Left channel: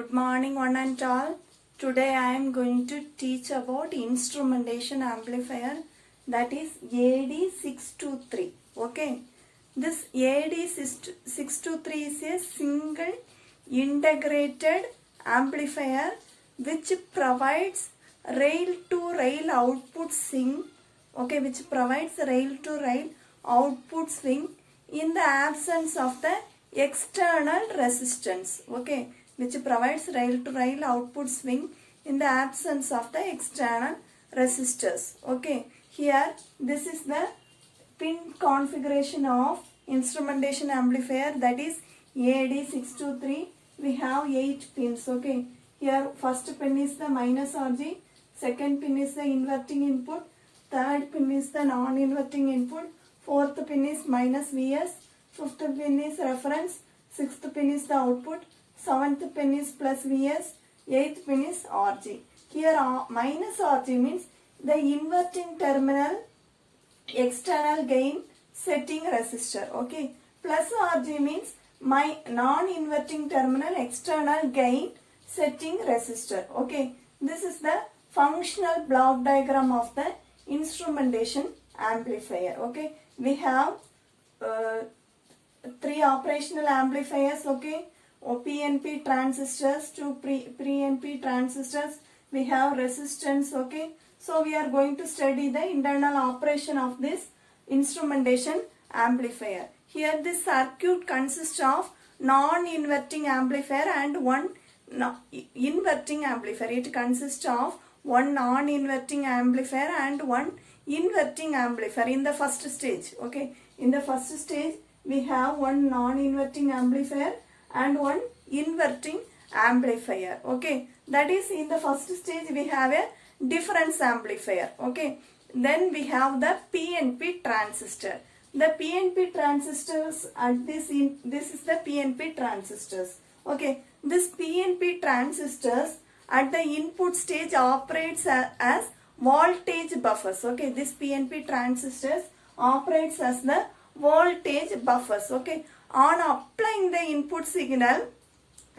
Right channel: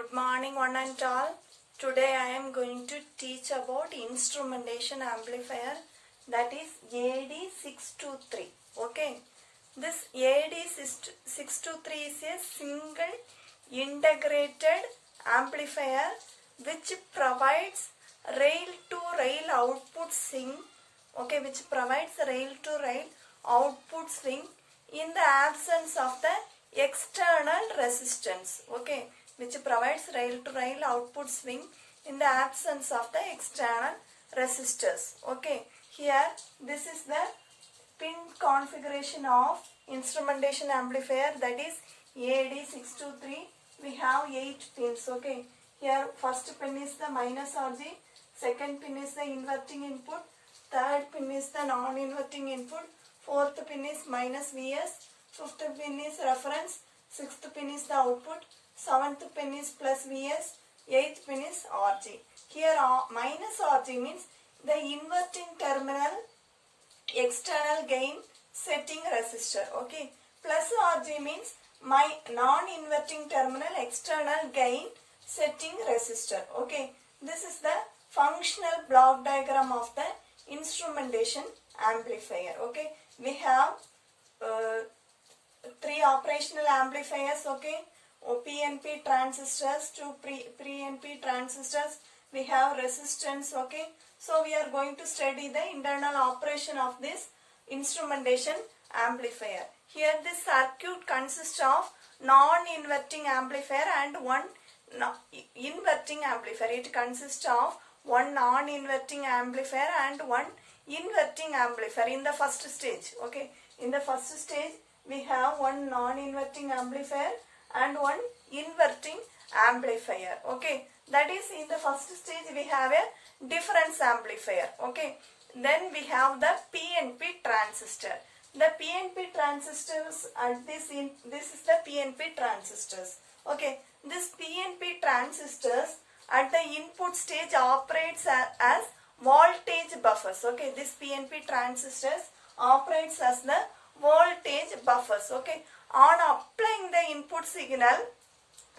Good morning one and all. Today I am going to teach about instrumentation amplifier, that is AD623. Okay. This AD623 is a single integrated amplifier which provides rail to rail output swing. Okay, which provides rail to rail output swing in the absence of the external resistance. Okay, which provides rail to rail output swing in the absence of the external resistors. Okay, here this is the pin configuration of instrumentation amplifier, that is AD623. We have 8 pins. Okay, here first pin is the minus RG, second pin is the inverting input, third pin is the non-inverting input, fourth pin is minus Vs, fifth pin is reference, sixth pin is the output, seventh pin is plus Vs, eighth pin is RG. Here minus RG means the inverting terminal external gain setting resistor. Okay, plus RG means my non-inverting terminal external gain setting resistor. Okay, this is the functional block diagram of the instrumentation amplifier. Okay, we have 3 operational amplifiers. Okay, PNP transistors, 2 pre-NP transistors, we have resistance. Okay, so we are going to study the internal operation of this instrumentation amplifier. Here this circuit consists of non-inverting amplifier and one inverting amplifier. It consists of one non-inverting amplifier and one inverting amplifier in the first stage. Okay, in the first stage we have one non-inverting amplifier and one inverting amplifier. Okay, that is in the first stage we have a difference amplifier. Okay, then we have the PNP transistor. The PNP transistors at this is the PNP transistors. Okay, this PNP transistors at the input stage operates as voltage buffers. Okay, this PNP transistors operates as the voltage buffers. Okay, on applying the input signal,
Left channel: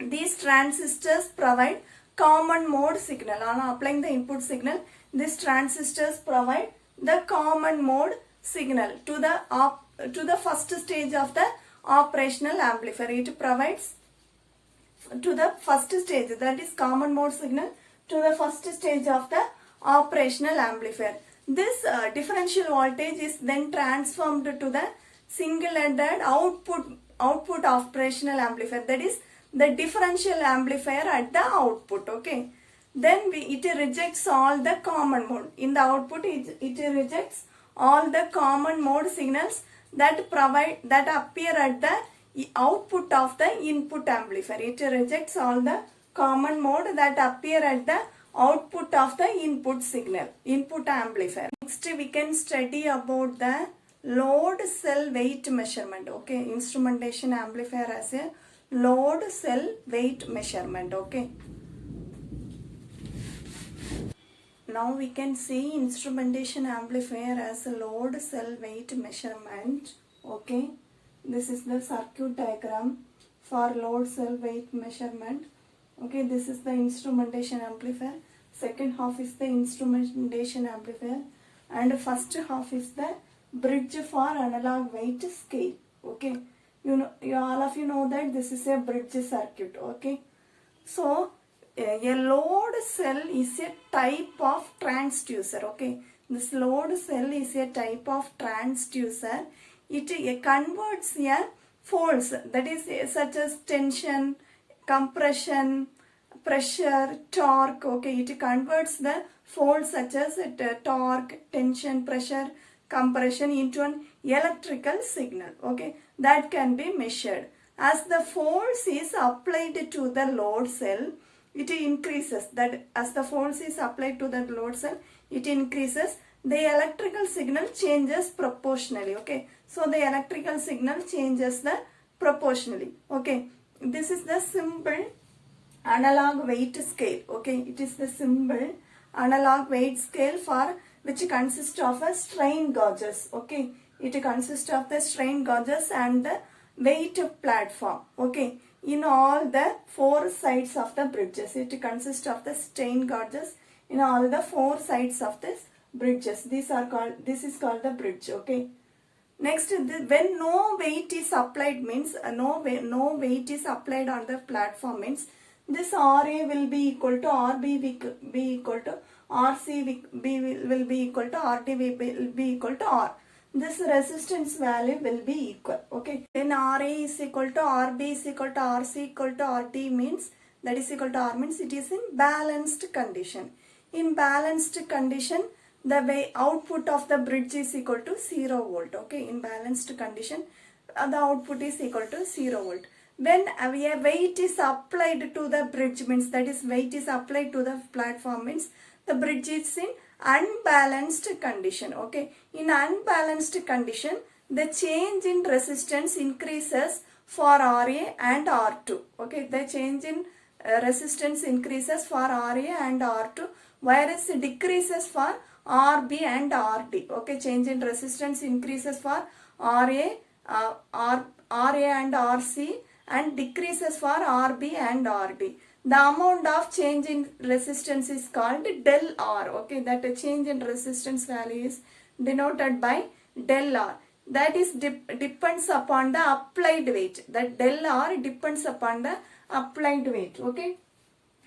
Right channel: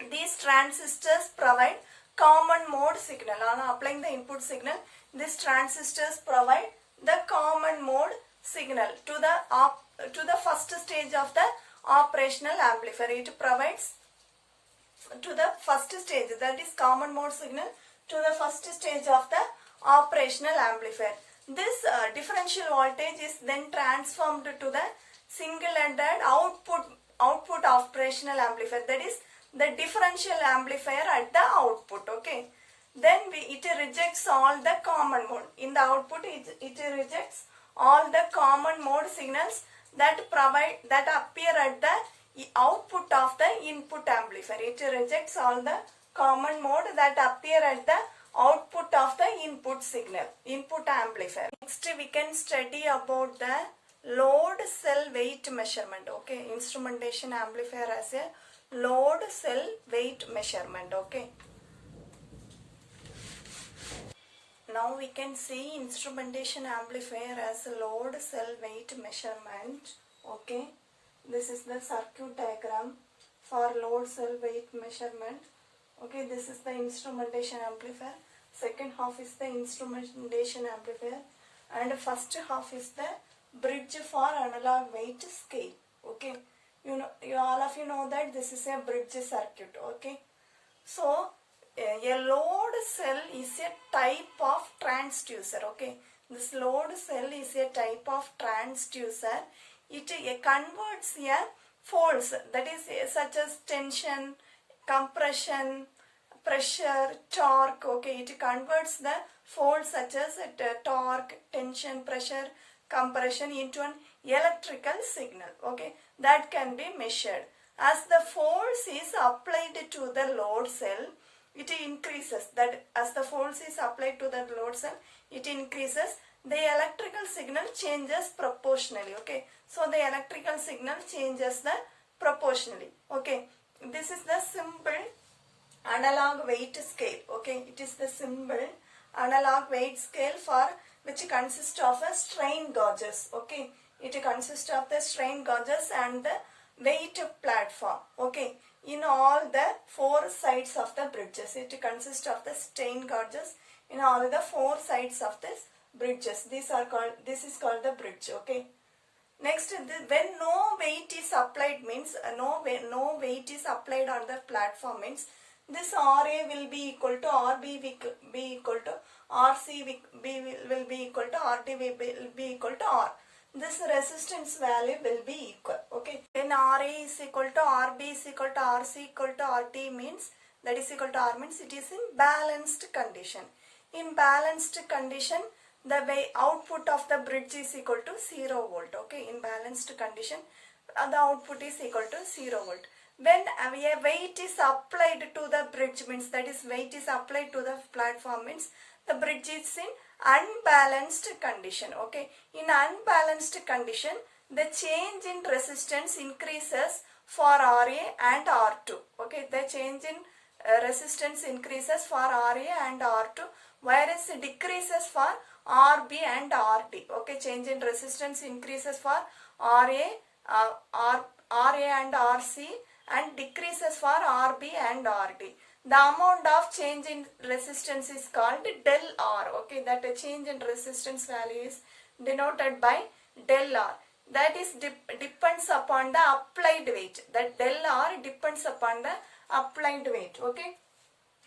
these transistors provide common mode signal. On applying the input signal, these transistors provide the common mode signal to the first stage of the operational amplifier. It provides to the first stage, that is common mode signal, to the first stage of the operational amplifier. This differential voltage is then transformed to the single-ended output operational amplifier, that is the differential amplifier at the output. Okay, then it rejects all the common mode. In the output it rejects all the common mode signals that appear at the output of the input amplifier. It rejects all the common mode that appear at the output of the input amplifier. Next we can study about the load cell weight measurement. Okay, instrumentation amplifier as a load cell weight measurement. Okay, now we can see instrumentation amplifier as a load cell weight measurement. Okay, this is the circuit diagram for load cell weight measurement. Okay, this is the instrumentation amplifier. Second half is the instrumentation amplifier and first half is the bridge for analog weight scale. Okay, all of you know that this is a bridge circuit. Okay, so a load cell is a type of transducer. Okay, this load cell is a type of transducer. It converts a force, that is such as tension, compression, pressure, torque. Okay, it converts the force such as torque, tension, pressure, compression into an electrical signal. Okay, that can be measured. As the force is applied to the load cell, it increases. That as the force is applied to the load cell, it increases. The electrical signal changes proportionally. Okay, so the electrical signal changes the proportionally. Okay, this is the simple analog weight scale. Okay, it is the simple analog weight scale for which consists of a strain gauges. Okay, it consists of the strain gauges and the weight platform. Okay, in all the four sides of the bridges. It consists of the strain gauges in all the four sides of this bridges. This is called the bridge. Okay. Next, when no weight is applied means no weight is applied on the platform means this RA will be equal to RB will be equal to RC will be equal to RD will be equal to R. This resistance value will be equal. Okay. When RA is equal to RB is equal to RC equal to RD means that is equal to R means it is in balanced condition. In balanced condition, the output of the bridge is equal to 0 volt. Okay. In balanced condition, the output is equal to 0 volt. When a weight is applied to the bridge means that is weight is applied to the platform means the bridge is in unbalanced condition. Okay. In unbalanced condition, the change in resistance increases for RA and R2. Okay. The change in resistance increases for RA and R2 whereas it decreases for RB and RD. Okay. Change in resistance increases for RA and RC and decreases for RB and RD. The amount of change in resistance is called del R. Okay, that change in resistance value is denoted by del R. That is depends upon the applied weight. That del R depends upon the applied weight. Okay,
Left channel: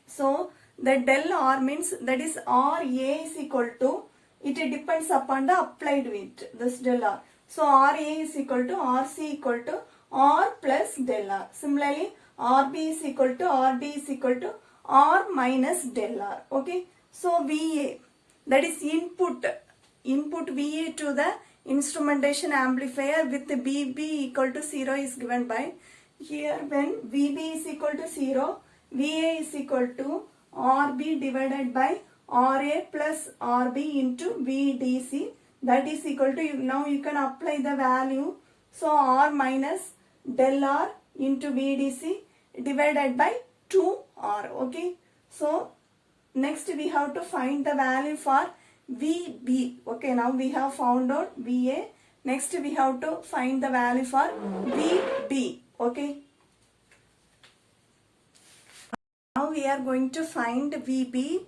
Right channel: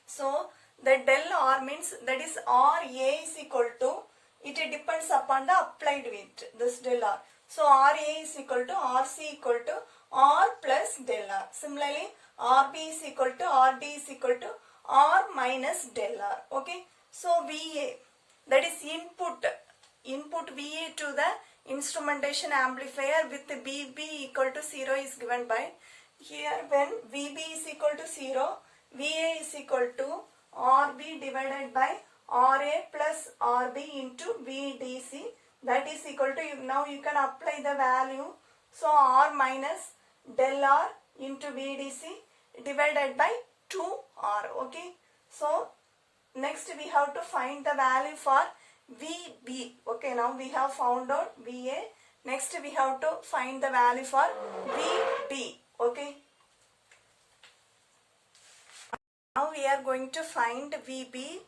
so the del R means that is RA is equal to, it depends upon the applied weight. This del R. So RA is equal to RC equal to R plus del R. Similarly, RB is equal to RD is equal to R minus del R. Okay. So VA, that is input VA to the instrumentation amplifier with VB equal to 0 is given by, here when VB is equal to 0, VA is equal to RB divided by RA plus RB into VDC, that is equal to, now you can apply the value. So R minus del R into VDC divided by 2R. Okay. So next we have to find the value for VB. Okay. Now we have found out VA. Next we have to find the value for VB. Okay. Now we are going to find VB.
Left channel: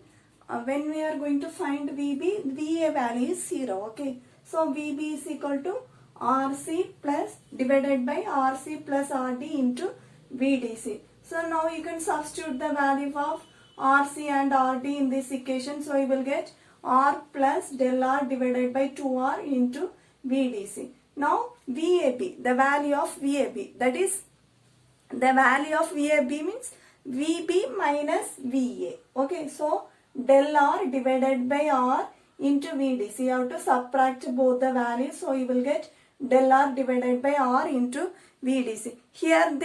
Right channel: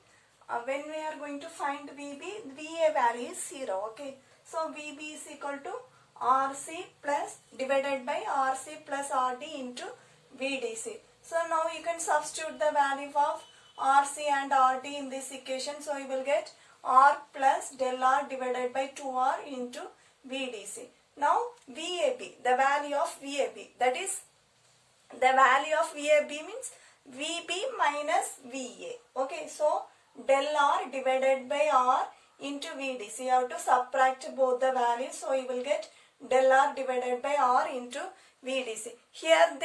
When we are going to find VB, VA value is 0. Okay. So VB is equal to RC plus divided by RC plus RD into VDC. So now you can substitute the value of RC and RD in this equation. So you will get R plus del R divided by 2R into VDC. Now VAB, the value of VAB, that is the value of VAB means VB minus VA. Okay, so del R divided by R into VDC. You have to subtract both the values. So you will get del R divided by R into VDC. Here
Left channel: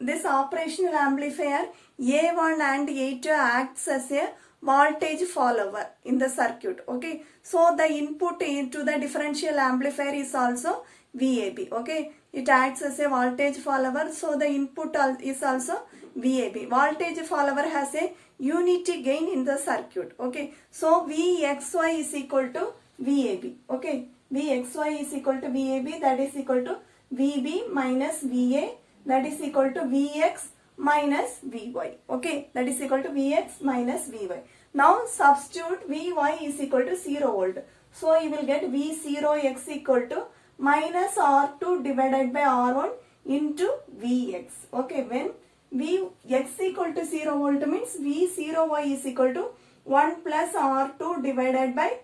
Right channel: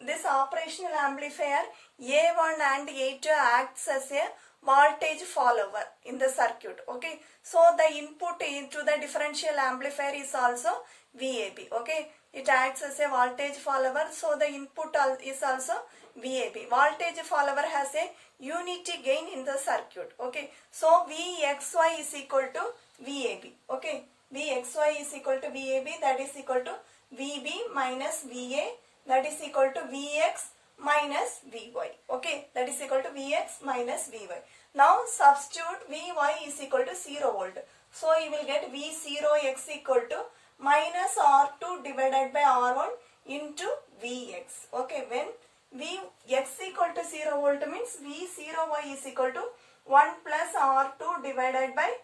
this operational amplifier A1 and A2 acts as a voltage follower in the circuit. Okay. So the input into the differential amplifier is also VAB. Okay. It acts as a voltage follower. So the input is also VAB. Voltage follower has a unity gain in the circuit. Okay. So VXY is equal to VAB. Okay. VXY is equal to VAB, that is equal to VB minus VA, that is equal to Vx minus Vy. Okay, that is equal to Vx minus Vy. Now substitute Vy is equal to 0 volt. So you will get V0x equal to minus R2 divided by R1 into Vx. Okay, when Vx equal to 0 volt means V0y is equal to 1 plus R2 divided by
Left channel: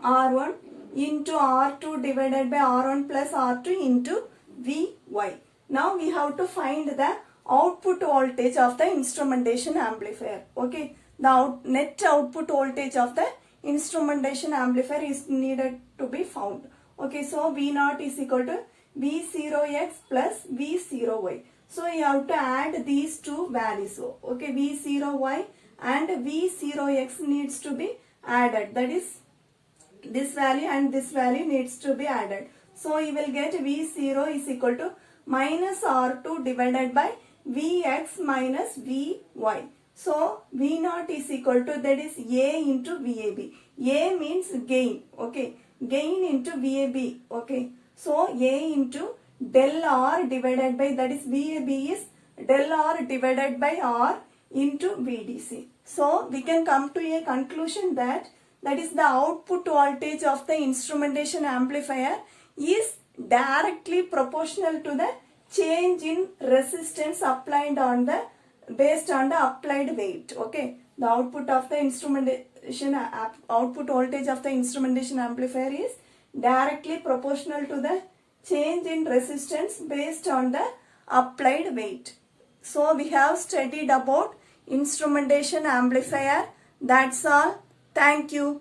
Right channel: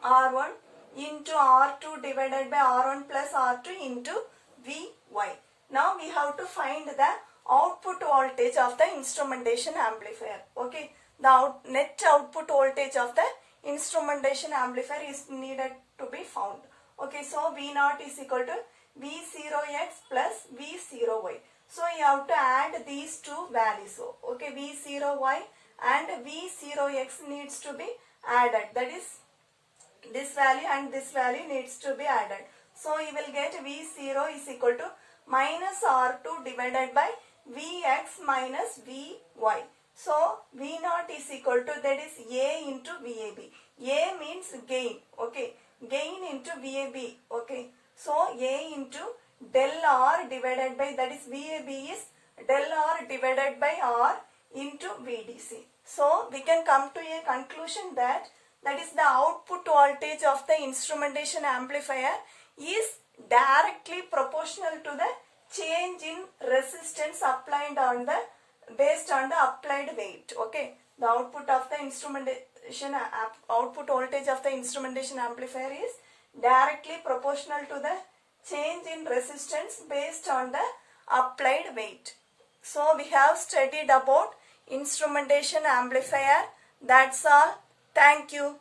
R1 into R2 divided by R1 plus R2 into Vy. Now we have to find the output voltage of the instrumentation amplifier. Okay, the net output voltage of the instrumentation amplifier is needed to be found. Okay, so V0 is equal to V0x plus V0y. So you have to add these two values. Okay, V0y and V0x needs to be added. That is, this value and this value needs to be added. So you will get V0 is equal to minus R2 divided by Vx minus Vy. So V0 is equal to, that is A into VAB. A means gain. Okay, gain into VAB. Okay, so A into del R divided by, that is VAB is del R divided by R into VDC. So we can come to a conclusion that is the output voltage of the instrumentation amplifier is directly proportional to the change in resistance applied on the based on the applied weight. Okay, the output of the instrumentation output voltage of the instrumentation amplifier is directly proportional to the change in resistance based on the applied weight. So we have studied about instrumentation amplifier. That's all. Thank you.